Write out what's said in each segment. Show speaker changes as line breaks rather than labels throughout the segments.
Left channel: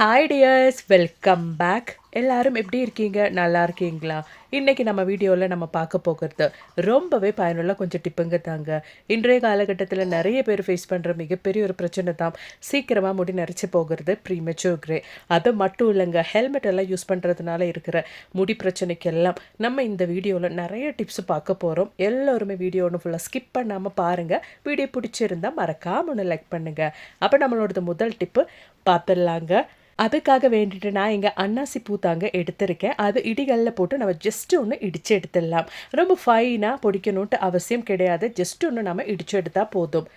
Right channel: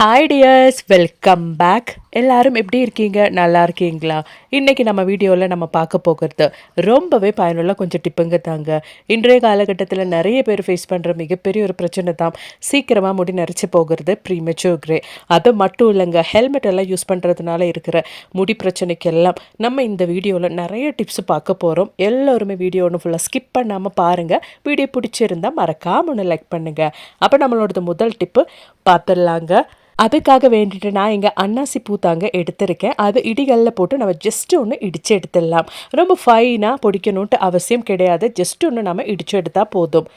hi tears welcome back எல்லாரும் எப்படி இருக்கீங்க நல்லா இருக்கீங்களா இன்றைக்கி நம்ம வீடியோவில் நம்ம பார்க்க போகிறது ரொம்பவே பயனுள்ள கொஞ்சம் டிப்புங்க தாங்க இன்றைய காலகட்டத்தில் நிறைய பேர் ஃபேஸ் பண்ணுற மிகப்பெரிய ஒரு பிரச்சனை தான் சீக்கிரமாக முடி நரைச்சி போகிறது ப்ரீமெச்சூர் கிரே அது மட்டும் இல்லைங்க ஹெல்மெட் எல்லாம் யூஸ் பண்ணுறதுனால இருக்கிற முடி பிரச்சனைக்கெல்லாம் நம்ம இந்த வீடியோவில் நிறைய டிப்ஸ் பார்க்க போகிறோம் எல்லோருமே வீடியோ ஒன்று ஃபுல்லாக ஸ்கிப் பண்ணாமல் பாருங்கள் வீடியோ பிடிச்சிருந்தால் மறக்காமல் ஒன்று லைக் பண்ணுங்கள் அப்போ நம்மளோடது முதல் டிப்பு பார்த்துடலாங்க அதுக்காக வேண்டிட்டு நான் இங்கே அன்னாசி பூத்தாங்க எடுத்திருக்கேன் அது இடிகளில் போட்டு நம்ம ஜஸ்ட் ஒன்று இடித்து எடுத்துடலாம் ரொம்ப ஃபைனாக பிடிக்கணுன்ட்டு அவசியம் கிடையாது ஜஸ்ட் ஒன்று நம்ம இடித்து எடுத்தால் போதும்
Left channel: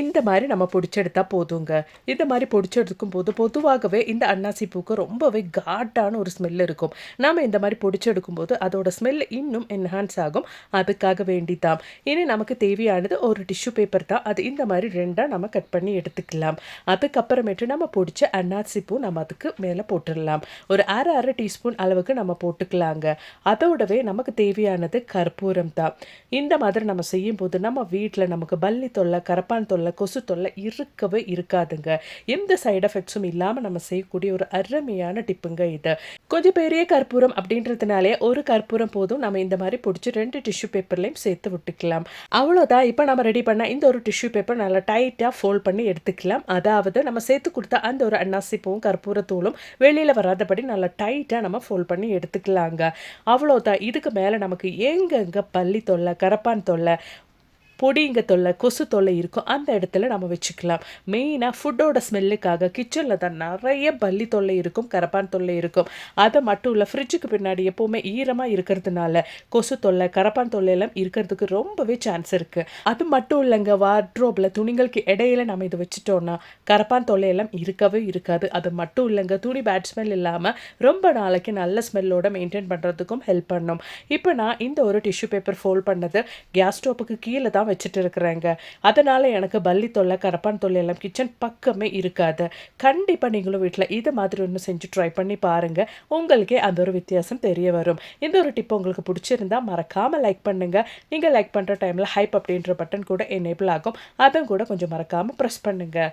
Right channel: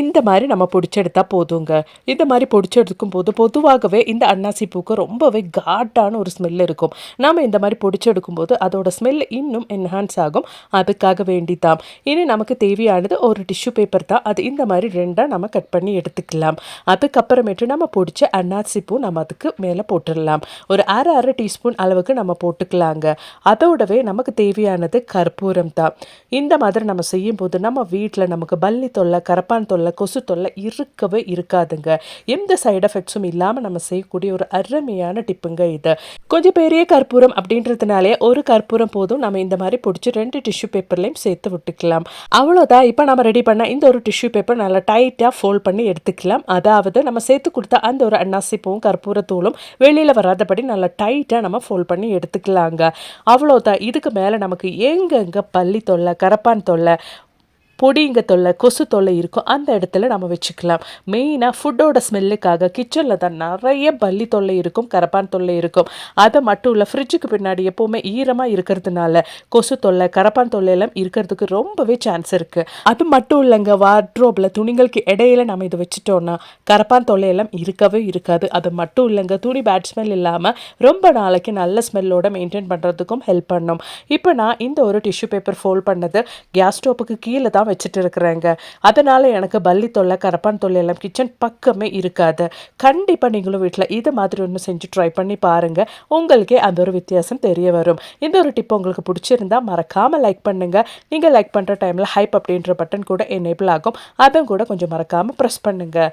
இந்த மாதிரி நம்ம பிடிச்செடுத்தா போதுங்க இந்த மாதிரி பிடிச்செடுக்கும் போது பொதுவாகவே இந்த அன்னாசி பூக்கு ரொம்பவே காட்டான ஒரு ஸ்மெல் இருக்கும் நாம் இந்த மாதிரி பிடிச்செடுக்கும் போது அதோட ஸ்மெல் இன்னும் என்ஹான்ஸ் ஆகும் அதுக்காக வேண்டி தான் இனி நமக்கு தேவையானது ஒரு டிஷ்யூ பேப்பர் தான் அது இந்த மாதிரி ரெண்டாக நம்ம கட் பண்ணி எடுத்துக்கலாம் அதுக்கப்புறமேட்டு நம்ம பிடிச்ச அன்னாசி பூ நம்ம அதுக்கு மேலே போட்டுடலாம் ஒரு அரை அரை டீஸ்பூன் அளவுக்கு நம்ம போட்டுக்கலாங்க அதோடவே நமக்கு தேவையானது கற்பூரம் தான் இந்த மாதிரி நம்ம செய்யும்போது நம்ம வீட்டில் நமக்கு பல்லி தொல்லை கரப்பான் தொல்லை தொல்லை கொசு தொல்லை இருக்கவே இருக்காதுங்க எந்த சைடு எஃபெக்ட்ஸும் இல்லாமல் நம்ம செய்யக்கூடிய ஒரு அருமையான டிப்புங்க இது கொஞ்சம் பெரிய கற்பூரம் அப்படின்றதுனாலே ஒரு கற்பூரம் போதும் நம்ம இந்த மாதிரி பிடிச்சி ரெண்டு டிஷ்யூ பேப்பர்லையும் சேர்த்து விட்டுக்கலாம் அவ்வளோதான் இப்போ நம்ம ரெடி பண்ண இந்த ஒரு டிஷ்யூ பேப்பர் நல்லா டைட்டாக ஃபோல்ட் பண்ணி எடுத்துக்கலாம் அதாவது நம்ம சேர்த்து கொடுத்த அந்த ஒரு அன்னாசிப்பும் கற்பூரத்தூளும் வெளியில் வராதபடி நல்லா டைட்டாக நம்ம ஃபோல்ட் பண்ணி எடுத்துக்கலாங்க அவ்வளோதான் இதுக்கு மேலே நமக்கு எங்கெங்கே பள்ளி தொல்லை கரப்பான் தொல்லை பொடிங்க தொல்லை கொசு தொல்லை இருக்கும் அந்த இடத்துல நம்ம வச்சுக்கலாம் மெயினாக ஃபுட்டோட ஸ்மெல்லுக்காக கிச்சனில் தான் நிறைய பல்லி தொல்லை இருக்கும் கரப்பான் தொல்லை இருக்கும் அதை மட்டும் இல்லை ஃப்ரிட்ஜுக்கு பின்னாடி எப்போவுமே ஈரமாக இருக்கிறதுனால கொசு தொல்லை கரப்பான் தொல்லை எல்லாம் இருக்கிறதுக்கு ரொம்பவே சான்ஸ் இருக்குது அது மட்டும் இல்லைங்க வார்ட்ரோப்பில் துணிகளுக்கு இடையில நம்ம இதை வச்சுட்டோம்னா கரப்பான் தொல்லையெல்லாம் இருக்கவே இருக்காது அது மட்டும் இல்லைங்க துணி பேட் ஸ்மெல் இல்லாமல் ரொம்ப நாளைக்கு நல்ல ஸ்மெல்லோடு மெயின்டைன் பண்ணுறதுக்கும் ஹெல்ப் பண்ணும் இப்போ நான் இந்த ஒரு டிஷ்யூ பேப்பர் ஃபோல்ட் பண்ணது கேஸ் ஸ்டோப்புக்கு கீழே தான் தான் வச்சுட்டு இருக்கிறேங்க அதனால் எனக்கு பல்லி தொல்லை கரப்பான் தொல்லை எல்லாம் கிச்சன் பக்கமே இருக்காது கண்டிப்பாக நீங்களும் வீட்டில் இது மாதிரி ஒன்று செஞ்சு ட்ரை பண்ணி பாருங்கள் உங்களுக்கே அந்த ஒரு வித்தியாசம் தெரிய வரும் இந்த ஒரு டிப் உங்களுக்கு பிடிச்சிருந்தா மறக்காமல் லைக் பண்ணுங்கள் நீங்கள் லைக் பண்ணுற டைமில் ஹைப் அப்படின்ற பட்டன் கூட எனேபிள் ஆகும் அதுவும் கூட கொஞ்சம் மறக்காமல் ப்ரெஸ் பண்ணுங்கள்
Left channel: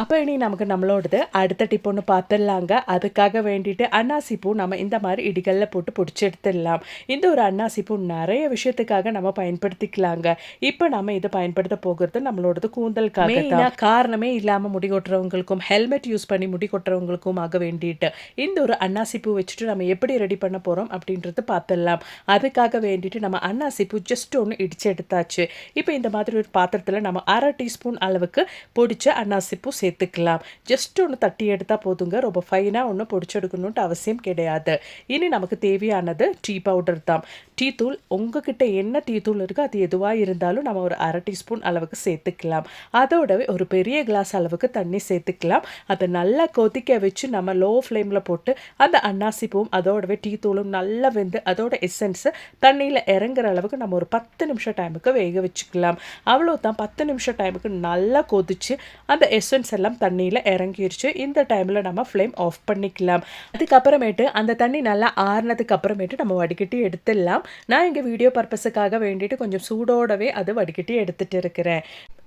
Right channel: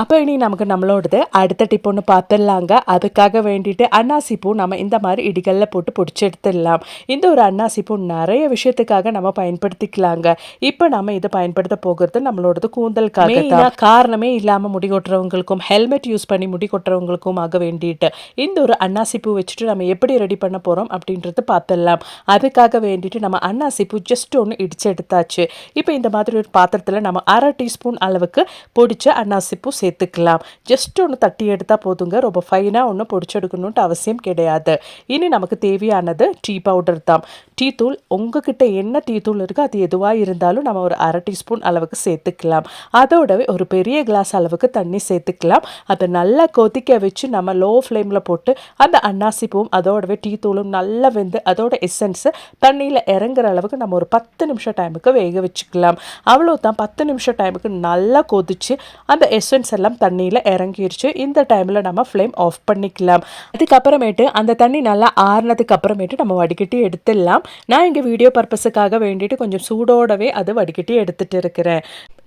அப்போ இனி நமக்கு நம்மளோடது அடுத்த டிப் ஒன்று பார்த்துடலாங்க அதுக்காக வேண்டிட்டு அன்னாசி பூ நம்ம இந்த மாதிரி இடிகளில் போட்டு பிடிச்சி எடுத்துடலாம் இந்த ஒரு அன்னாசி பூ நிறைய விஷயத்துக்காக நம்ம பயன்படுத்திக்கலாங்க இப்போ நம்ம இதை பயன்படுத்த போகிறது நம்மளோடது கூந்தலுக்காக தான் காரணமே இல்லாமல் முடி கொட்டுறவங்களுக்கும் ஹெல்மெட் யூஸ் பண்ணி முடி கொட்டுறவங்களுக்கும் ஆக வேண்டிட்டு இந்த ஒரு அன்னாசி பூ வச்சுட்டு நம்ம எப்படி ரெடி பண்ண போகிறோம் அப்படின்றது பார்த்துடலாம் அதுக்காக வேண்டிட்டு நம்ம அன்னாசி பூ ஜஸ்ட் ஒன்று இடிச்சு எடுத்தாச்சு இப்போ இந்த மாதிரி ஒரு பாத்திரத்தில் நம்ம அரை டீஸ்பூன் அளவுக்கு பொடிச்ச அன்னாசி பூ சேர்த்துக்கலாம் ஜஸ்ட் ஒன்று தட்டி எடுத்தால் போதுங்க ரொம்ப ஃபைனாக ஒன்று பொடிச்செடுக்கணுன்ட்டு அவசியம் கிடையாது இனி நமக்கு தேவையானது டீ பவுடர் தான் டீ தூள் உங்ககிட்ட என்ன டீ தூள் இருக்கோ அது எதுவாக இருந்தாலும் நம்ம ஒரு அரை டீஸ்பூன் அளவுக்கு சேர்த்துக்கலாம் அதோடவே ஒரு பெரிய கிளாஸ் அளவுக்கு தண்ணி சேர்த்துக்கலாம் அதை நல்லா கொதிக்க வச்சு நம்ம லோ ஃப்ளேமில் போட்டு அந்த அன்னாசி பூவும் அதோடவே டீ தூளும் நல்லா வெந்து அதோட எசன்ஸை தண்ணியில் இறங்குற அளவுக்கு நம்ம ஒரு பத்து நிமிஷம் டைமுக்கு வேக வச்சுக்கலாம் அவ்வளோ தான் பத்து நிமிஷம் டைமுக்கு நல்லா கொதிச்சு அந்த எசன்ஸ் எல்லாம் தண்ணியில் இறங்கிருச்சு இந்த டைமில் நம்ம ஃப்ளேம் ஆஃப் பண்ணிக்கலாம் அதுக்கப்புறமேட்டு அந்த தண்ணி நல்லா ஆறுனதுக்கு அப்புறமேட்டு நம்ம வடிகட்டி எடுத்துடலாம் நான் இங்கே வீடியோ பர்பஸுக்காக வேண்டிட்டு கொஞ்சம் சூடோடவே அது வடிகட்டி எடுத்துகிட்டு இருக்கிறேன்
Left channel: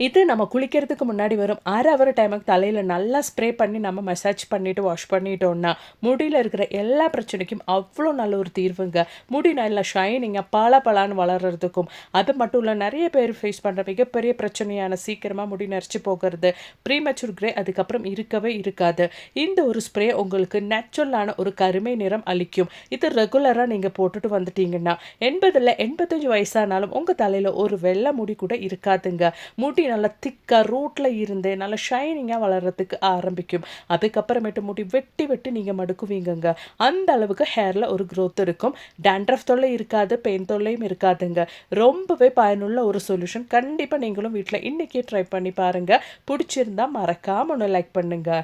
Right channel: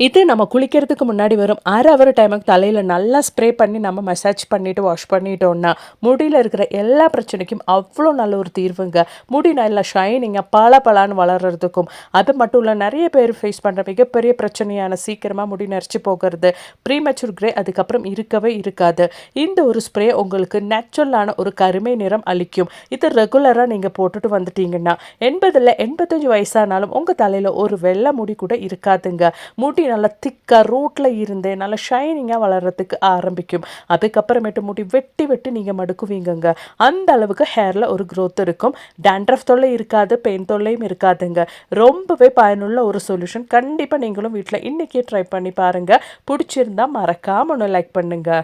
இது நம்ம குளிக்கிறதுக்கு முன்னாடி வரும் அரை அவர் டைமுக்கு தலையில் நல்லா ஸ்ப்ரே பண்ணி நம்ம மசாஜ் பண்ணிவிட்டு வாஷ் பண்ணிட்டோம்னா முடியில் இருக்கிற எல்லா பிரச்சனைக்கும் அவ்வளோ நல்ல ஒரு தீர்வுங்க முடி நல்லா ஷைனிங்காக பல பலான்னு வளர்கிறதுக்கும் அது மட்டும் இல்லை நிறைய பேர் ஃபேஸ் பண்ணுற மிகப்பெரிய பிரச்சனையான சீக்கிரமாக முடி நெரிச்சு போகிறது ப்ரீமெச்சூர் ஸ்ப்ரே அதுக்கப்புறம் இருக்கவே இருக்காது இந்த ஒரு ஸ்ப்ரே உங்களுக்கு நேச்சுரலான ஒரு கருமை நிறம் அளிக்கும் இது ரெகுலராக நீங்கள் போட்டுட்டு வந்துட்டீங்கன்னா எண்பதில் எண்பத்தஞ்சு வயசானாலும் உங்கள் தலையில் ஒரு வெள்ளை முடி கூட இருக்காதுங்க முடி நல்லா திக்காக ரூட்டில் இருந்தே நல்லா ஷைனிங்காக வளர்கிறதுக்கு ஆரம்பிக்கும் அதுக்கப்புறமேட்டு முடி வெட்டி வெட்டி நீங்கள் மடுக்குவீங்கங்க அந்த அளவுக்கு ஹேரில் ஒரு க்ரோத் இருக்கும் டேண்ட்ரஃப் தொல்லை இருக்காது பெயின் தொல்லையும் இருக்காதுங்க ரொம்பவே பயனுள்ள ஒரு சொல்யூஷன் கண்டிப்பாக நீங்களும் வீட்டில் இன்றைக்கே ட்ரை பண்ணி பாருங்கள் பிடிச்சிருந்தா மறக்காம மறக்காமல் ஒன்று லைக் பண்ணுங்கள்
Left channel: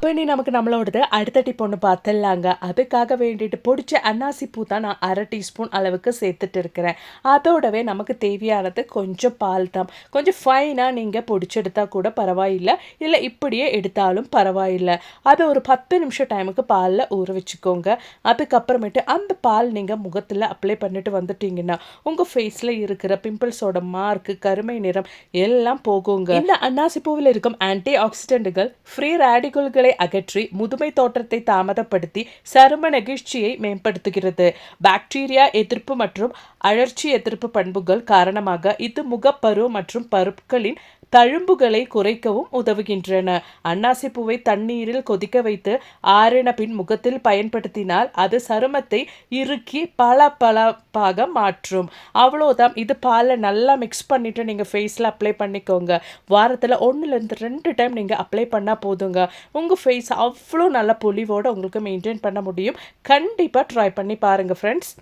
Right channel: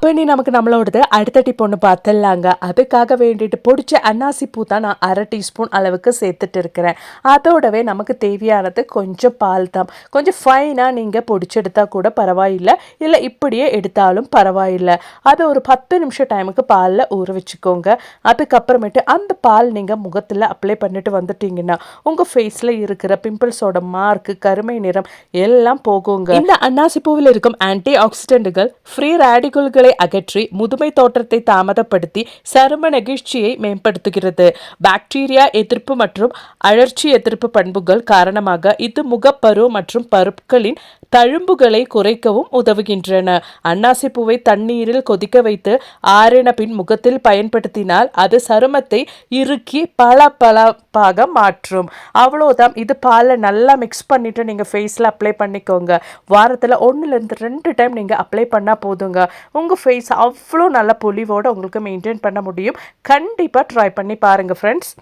இப்போ நீ நமக்கு நம்மளோடது அடுத்த டிப் ஒன்று பார்த்துடலாங்க அதுக்காக வேண்டிட்டு பிடிச்ச அன்னாசி பூ தான் நான் அரை டீஸ்பூன் அளவுக்கு சேர்த்துட்டு இருக்கிறேன் அதோடவே நமக்கு தேவையானது கொஞ்சம் பால் தான் கொஞ்சம் ஃபைனாக நீங்கள் பிடிச்செடுத்தா கூட பரவாயில்லை இல்லை இப்படியே எடுத்தாலும் பரவாயில்லை அதை ஒரு பத்து நிமிஷம் டைமுக்கு பாலில் ஊற வச்சுக்கோங்க அதுக்கப்புறமேட்டு அந்த பால் நீங்கள் முகத்தில் அப்ளை பண்ணிட்டு வந்துட்டீங்கன்னா உங்கள் ஃபேஸில் இருக்கிற பிம்பிள்ஸோட மார்க்கு கருமை நிறம் எல்லாம் போகுங்க இந்த அன்னாசி பூவில் இருக்கும் ஆன்டி ஆக்சிடென்ட்டுகள் ஃப்ரீ ரேடிகல்களை குறைகளை அகற்றி முதுமை தோற்றத்தை தாமதப்படுத்தி சரும நெகிழ்ச்சியை மேம்படுத்துகிறது பாக்டீரியா எதிர்ப்பு மற்றும் அழற்சி எதிர்ப்பு பண்புகள் காரணமாக இது முகப்பரு மற்றும் பருப்புகளின் தழும்புகளை குறைக்கவும் உதவுகின்றன அன்னாசி பூவை தண்ணீரில் கொதிக்க வைத்து ஆறின பின் முகத்தில் பயன்படுத்தினால் அது சருமத்தை இறுக்கி பல பலப்பாக மாற்றும் அவ்வளோதான் இது பாலை நல்லா மிக்ஸ் பண்ணிட்டு நீங்கள் ஃபேஸில் அப்ளை பண்ணிக்கோங்க வாரத்தில் ஒன்றுலேருந்து ரெண்டு டைம் நீங்கள் அப்ளை பண்ணால் போதுங்க உங்கள் ஃபேஸ் அவ்வளோ நல்ல பொலிவோடு உங்களுக்கு மெயின்டைன் பண்ண முடியும் கண்டிப்பாக ட்ரை பண்ணி பாருங்கள் ஃப்ரெண்ட்ஸ்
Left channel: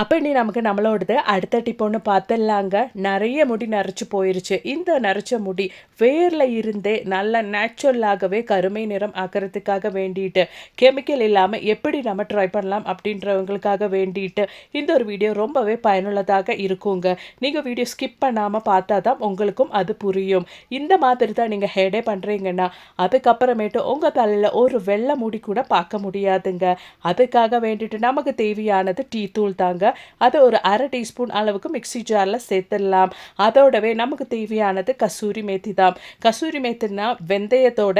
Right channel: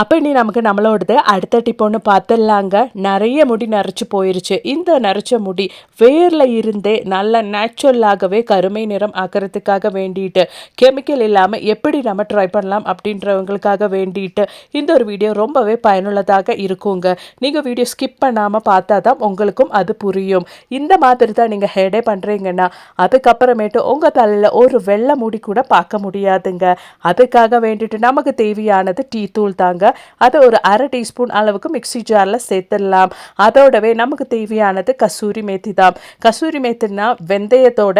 அப்போ இனி நமக்கு நம்மளோடது அடுத்த டிப்போன்னு பார்த்துடலாங்க நிறைய முடி நரைச்சி போயிருச்சு இந்த நரைச்ச முடி வேரில் இருந்தே நல்ல நேச்சுரலாகவே கருமை நிறம் ஆக்கிறதுக்காக வேண்டிட்டு கெமிக்கல் இல்லாமல் எப்படி நம்ம ட்ரை பண்ணலாம் அப்படின்றவங்களுக்காக வேண்டிட்டு இந்த ஒரு வீடியோ ரொம்பவே பயனுள்ளதாக இருக்குங்க நீங்கள் வீடியோ ஸ்கிப் பண்ணாமல் பார்த்தா தான் உங்களுக்கும் அது புரியும் இந்த மாதிரி தான் நீங்கள் ஹேடே பண்ணுறீங்கன்னா அதுக்கப்புறமேட்டு உங்கள் தலையில் ஒரு வெள்ளை முடி கூட பார்க்க முடியாதுங்க அதுக்காக வேண்டிட்டு நமக்கு தேவையானது டீ தூள் தாங்க வச்சுக்கோங்க அதை ஒரு அரை டீஸ்பூன் அளவுக்கு மிக்சி ஜாரில் சேர்த்துடலாம் அதோடவே நமக்கு தேவையானது கசூரி மேத்தி தான் கசூரி மேத்தினா வெந்தயத்தோட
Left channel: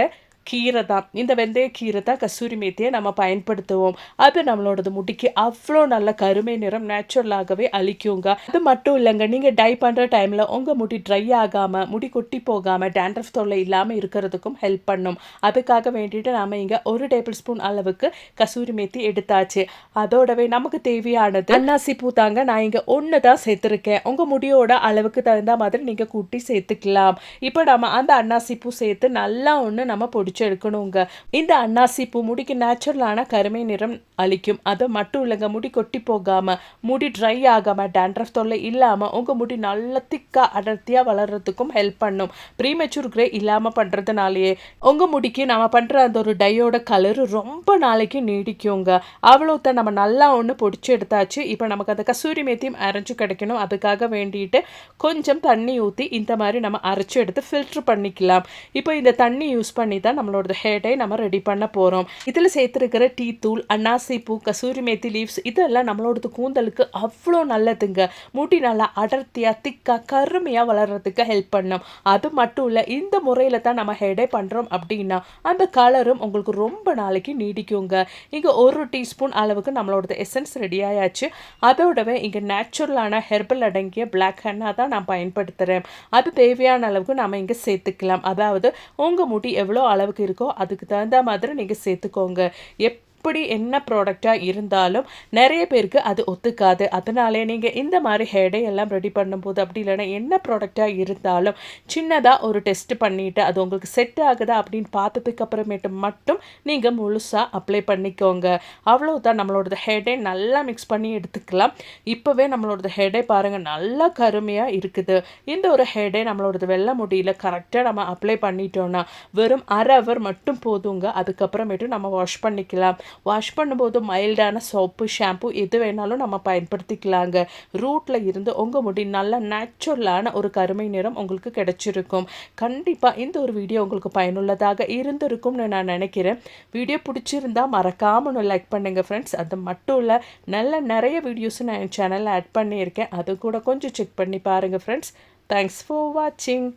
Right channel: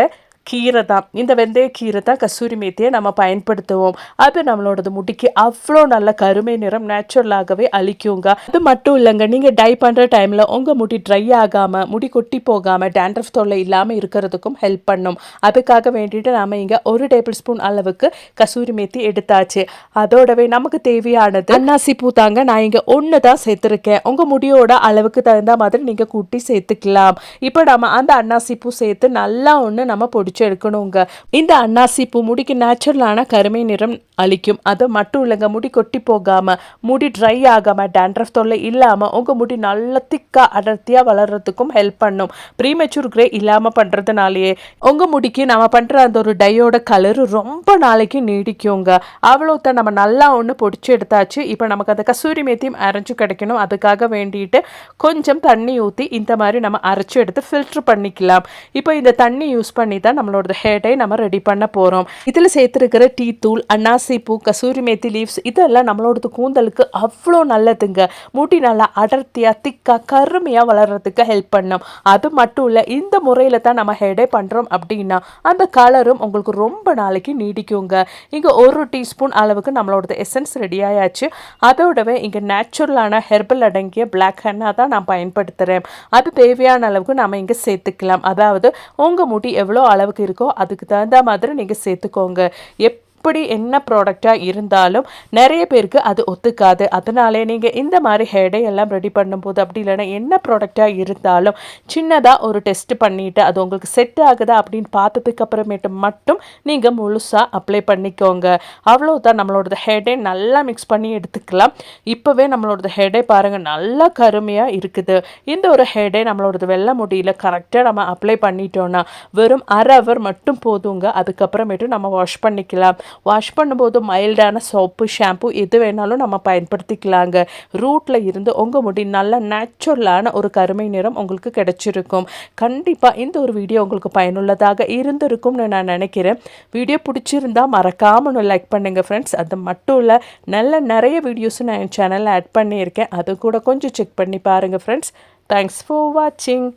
கீரை தான் இந்த வெந்தய கீரை தான் கசூரி மேத்தியை நம்ம பயன்படுத்துவோம் அது நம்மளோடது முடிக்கு அவ்வளோ நல்ல கருமை நிறம் நேச்சுரலாகவே அழிக்குங்க அது மட்டும் இல்லைங்க நீங்கள் டை பண்ணுற டைமில் உங்கள் முடி ட்ரை ஆகாமல் முடி கொட்டி போகாமல் டேண்ட்ரஃப் தொல்லை இல்லாமல் இருக்கிறதுக்கும் ஹெல்ப் பண்ணும் அதுக்காக வேண்டிட்டு நம்ம இங்கே ஒரு டேபிள் ஸ்பூன் அளவுக்கு கசூரி மேத்தி எடுத்தாச்சு அதோடவே நமக்கு தேவையானது அன்னாசி பூ தாங்க நான் இங்கே ஒன்று தான் சேர்த்துருக்கேன் உங்கள் முடியோட அளவுக்கு தகுந்த மாதிரி நீங்கள் கூட்டி சேர்த்துக்கலாம் இப்போ நம்ம அந்த அன்னாசி பூ சேர்த்து நல்லா ஒன்று நம்ம பொடி பிடிச்சி எடுக்கணுங்க இந்த அன்னாசி பூ முடிக்கு நேச்சுரலான கருமை நிறம் அளிக்கும் அது மட்டும் இல்லைங்க முடி கொட்டி போகாமல் முடி ட்ரை ஆகாமல் டேண்ட்ரஃப் தொல்லை இல்லாமல் உங்கள் முடி நல்ல திக்காக அடர்த்தியாக வளர்கிறதுக்கும் ஹெல்ப் பண்ணும் ப்ரீமெச்சூர் கிரே இல்லாமல் பண்ணுறதுனாலேயே உங்கள் முடிக்கு நம்ம பண்ணுற அந்த ஒரு டையோட கலர் ரொம்ப நாளைக்கு நீடிக்குங்க அவ்வளோத்தான் நம்ம நல்லா ஒன்று பொடிச்சு எடுத்தாச்சு இப்போ நமக்கு அந்த கசூரி மேத்தியும் அரைஞ்சு கிடைக்கணும் அதுக்காக வேண்டிட்டு கொஞ்சம் தண்ணி ஊற்றி இந்த மாதிரி நம்ம அரைச்சி எடுத்து ஃபில்ட்ரு பண்ணிக்கலாம் இப்போ இந்த தண்ணி யூஸ் பண்ணி தான் நம்மளோட ஹேர் நம்ம ரெடி பண்ண போகிறோம் இதில் சேர்த்துருக்கிற டீ தூள் அன்னாசி பூ கசூரி மேத்தி லீவ்ஸ் இதெல்லாம் நம்மளோட கூந்தலுக்கு அவ்வளோ நல்லதுங்க மூட்டி நல்லா அடர்த்தியாக திக்காக கருமையாக வளர்கிறதுக்கு ஹெல்ப் பண்ணும் அது மட்டும் இல்லை இந்த முறையில் தான் நம்ம ஹேர் பண்ணுறோம் அப்படின்னா அந்த கலரும் உங்களுக்கு ரொம்ப நாளைக்கு நீடிக்குங்க இங்கே ஒரு டீஸ்பூன் அளவுக்கு நம்மளோட எசன்ஸ் ஆயாச்சு அதோடவே இங்கே நேச்சுரலான ஹெர்பல் அடங்கிய பிளாக் ஹென்னா தான் நான் பயன்படுத்துகிறேன் அது தேவையான அளவுக்கு நம்ம இங்கே சேர்த்துக்கலாம் அதாவது உங்கள் முடி எவ்வளோ அளவுக்கு அளவுக்கு இருக்கோ அதுக்கு தகுந்த மாதிரி நீங்கள் சேர்த்துக்கோங்க எப் எப்படி என்ன ப்ராடக்டாக இருந்தாலும் நிறைய பேருக்கு அது ஒத்துக்காது அதனால நீங்கள் இந்த மாதிரி ஹேடை எல்லாம் ரெடி பண்ணும்போது அப்படி இல்லைன்னா என்ன ப்ராடக்டாக இருந்தாலும் சின்னதாக ஒரு டெஸ்ட் பண்ணிவிட்டு அது உங்களுக்கு செட் ஆகுதா அப்படின்னு பார்த்ததுக்கு அப்புறமேட்டு மட்டும் நீங்கள் முழுசாக அப்ளை பண்ணிக்கோங்க அவ்வளோதான் நம்மளோட ஹெடே நல்லா மிக்ஸ் பண்ணி எடுத்துக்கலாம் இப்போவே நம்மளோட ஹெடே பாருங்கள் நல்லா கருமையாக இருக்குது இந்த ஒரு ஹெடே நம்மளோட வெள்ளை முடியல கரெக்டாக நம்ம அப்ளை பண்ணிட்டோன்னா வெறும் அரை ஹவர் மட்டும் போதுங்க அதுக்கப்புறமேட்டு நம்ம வாஷ் பண்ணிக்கலாம் வாஷ் பண்ணும்போது மைல்டான சோப்பு ஷாம்பு எது வேணாலும் நம்ம பயன்படுத்திக்கலாங்க ரூட்டில் இருந்து உங்கள் முடி நல்ல நேச்சுரலான ஒரு கருமை நிறம் உங்களுக்கு கிடைச்சிருக்கும் கண்டிப்பாக இந்த ஒரு வீடியோ உங்களுக்கு பயனுள்ளதாக இருந்திருக்கும்னு நான் நினைக்கிறேன் வீடியோ பிடிச்சிருந்தால் மறக்காமல் லைக் பண்ணுங்கள் ஃப்ரெண்ட்ஸ் அது மட்டும் இல்லை நல்ல நிறைய வீடியோஸும் நான் என் சேனலில் ஆட் பண்ணியிருக்கேன் அது கூட கொஞ்சம் செக் பண்ணி பாருங்கள் ஃப்ரெண்ட்ஸ் தேங்க்ஸ் ஃபார் வாட்சிங்